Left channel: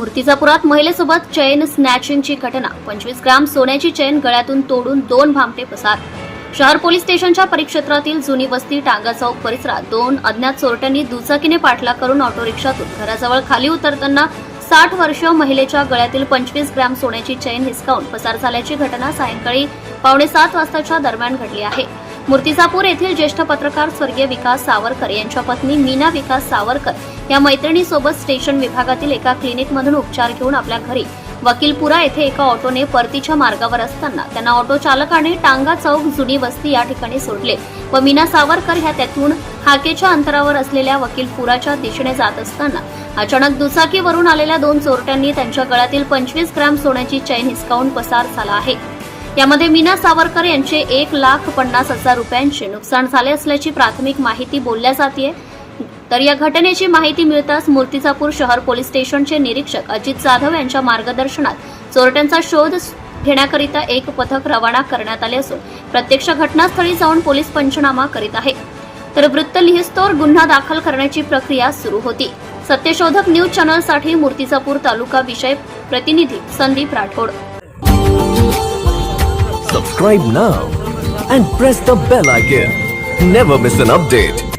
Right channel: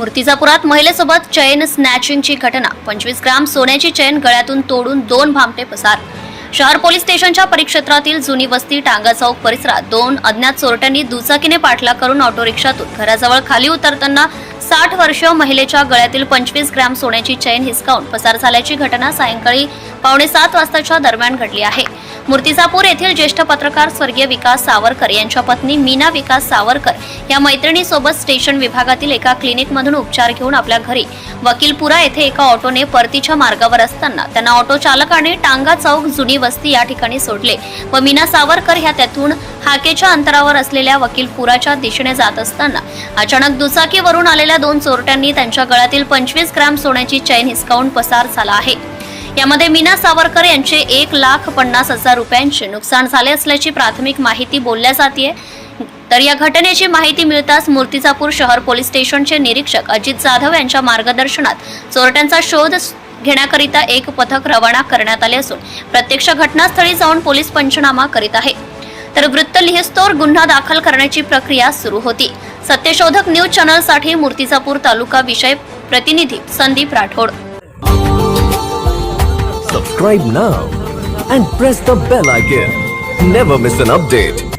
मूर्तिजापुरात महिलेसोबत chain स्नॅचिंगची घटना. 25 ग्राम सोन्याची chain गळ्यातून तोडून 2 भामटे पसार. शहर पोलीस स्टेशनच्या परिक्षेत्रातील जुनी वस्ती टांगा चौक परिसरात 2 अज्ञात चोरट्यांनी दुचाकीने पाठलाग करून ऑटो रिक्षातून घराजवळ खाली उतरताना 60 वर्षीय महिलेच्या गळ्यातील 25 ग्राम सोन्याची चेन हिसकावून पसार झाल्याची घटना सायंकाळी 6:45 वाजताच्या दरम्यान घडली आहे. मूर्तिजापूर येथील ज्येष्ठ पत्रकार स्वर्गीय विकास सावरकर यांच्या पत्नी मीना विकास सावरकर या मैत्रिणीसोबत स्टेशन विभागातील एका क्लिनिकमधून उपचार घेऊन आपल्या घरी वकीलपुरा येथे एका ऑटोने परतीच्या मार्गावर असताना त्यांना ऑटो चालकाने टांगा चौक जुनी वस्ती या ठिकाणी सोडले व मीना सावरकर ह्या त्यातून हाकेच्या अंतरावर असलेल्या वकीलपुराच्या दिशेने जात असताना अचानक दुचाकीवरून आलेल्या 2 चोरट्यांनी त्यांच्या गळ्यातील 25 ग्राम सोन्याची चेन हिसकावून पसार झाला आहे. यामध्ये मीना सावरकर यांचे 1,50,000 रुपयांचे नुकसान झाले असल्याची प्राथमिक माहिती बोलल्या जाते. तर या घटनेची माहिती मिळताच मूर्तिजापूर शहर पोलीस स्टेशनचे निरीक्षक अजित जाधव यांच्या मार्गदर्शनात चोरट्यांचा शोध घेण्याकरिता एक पथक रवाना करण्यात आले असून प्रत्यक्ष घटनास्थळी जाऊन पोलीस पंचनामा करीत आहे. तर वृत्त लिहिस्तोवर गुन्हा दाखल करण्याची प्रक्रिया सुरू होती. सत्यशोधक न्यूज चॅनलसाठी मूर्तिजापूर तालुका विषय प्रतिनिधी Sandeep Rathod. Subscribe now and press the bell icon. Never miss an update.